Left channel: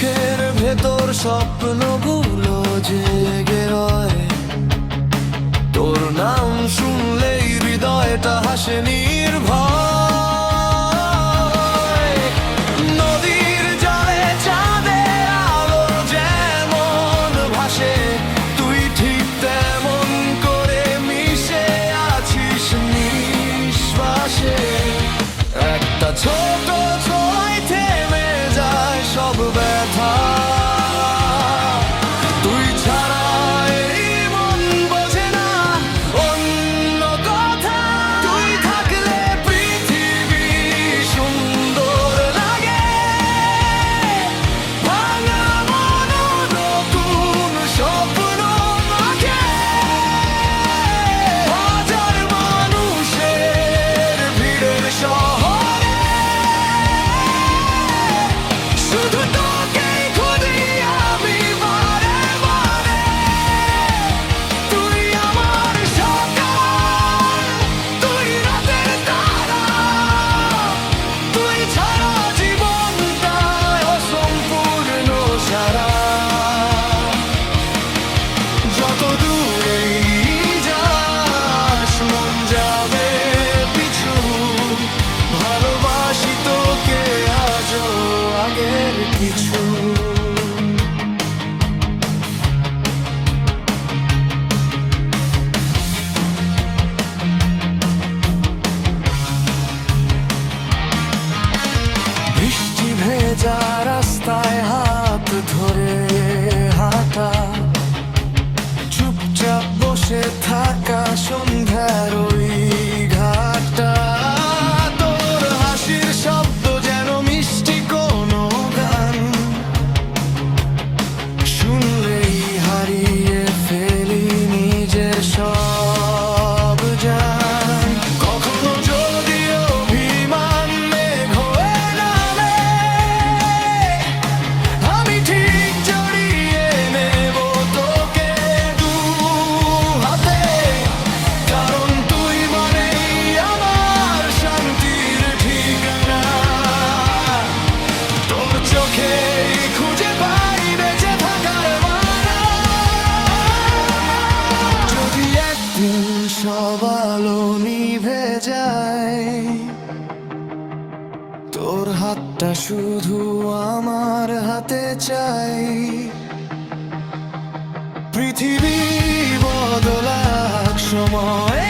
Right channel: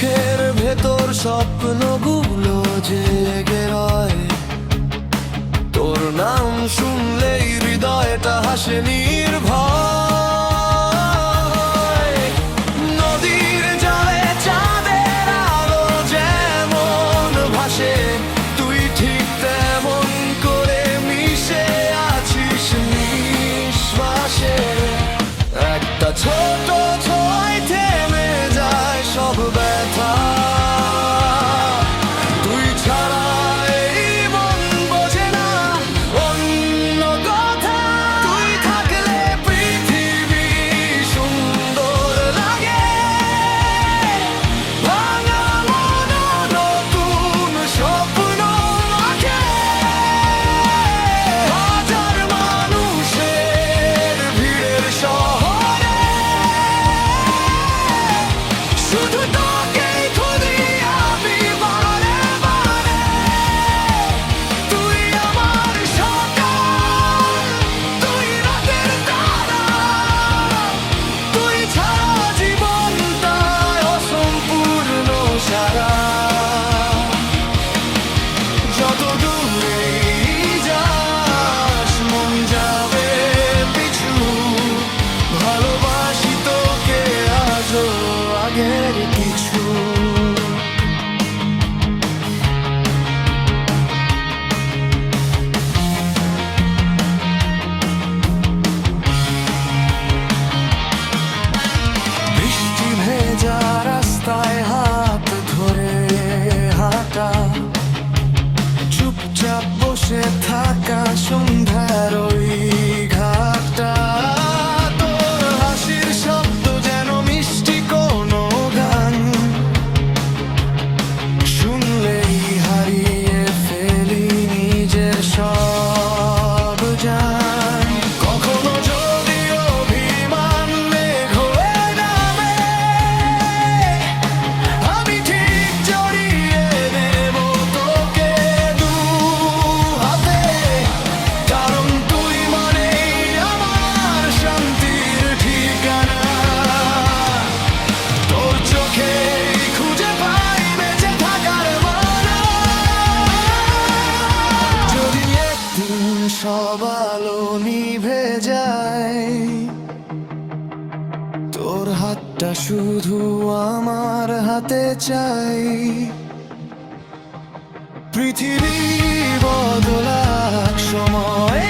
চোখের ভেতর স্বপ্নগুলো জেগে রয়, তোর নাম শুনলেই হৃদয়টা হাসে নির্ভয়। নদীর জলে চাঁদের আলো যেমন ভাসে, তুই ঠিক তেমন করে মিশে আছিস নিঃশ্বাসে। একটা ছোট ছোঁয়ায় থেমে যায় সব ব্যথা, তুই ছাড়া এই মন বোঝে না অন্য কথা। তুই থাকলে পৃথিবী সুন্দর লাগে, ভাঙা মন নতুন স্বপ্ন আঁকে। হাজার মানুষের ভিড়ের শহরে শুধু তোকেই খুঁজি আমি বারে বারে। তুই আমার সকাল, তুই রাতের তারা, তুই ছাড়া জীবনটা অসম্পূর্ণ সারা। যত দূরেই যাস মন যাবে পিছু, ভালোবাসি তোকে আজও আগের কিছু। বৃষ্টি ভেজা রাস্তায় হাত ধরে হাঁটা, চুপচাপ বসে থাকা সন্ধ্যার ওই ঘাটটা। তোর হাসির শব্দ যেন মিষ্টি কোনো গান, শুনলেই হারিয়ে ফেলি নিজের সব জান। কখনো যদি অভিমান মেঘ হয়ে নামে, আমি ঠিক জড়িয়ে নেব তোকে দু হাতে। কারণ তুই মানেই আমার শান্তির ঠিকানা, তোর চোখেই খুঁজে পাই বেঁচে থাকার মানা। যদি একদিন সব আলো নিভে যায়, তোর হাতটা শুধু আমার হাতে চাই। পৃথিবী বদলাক সময়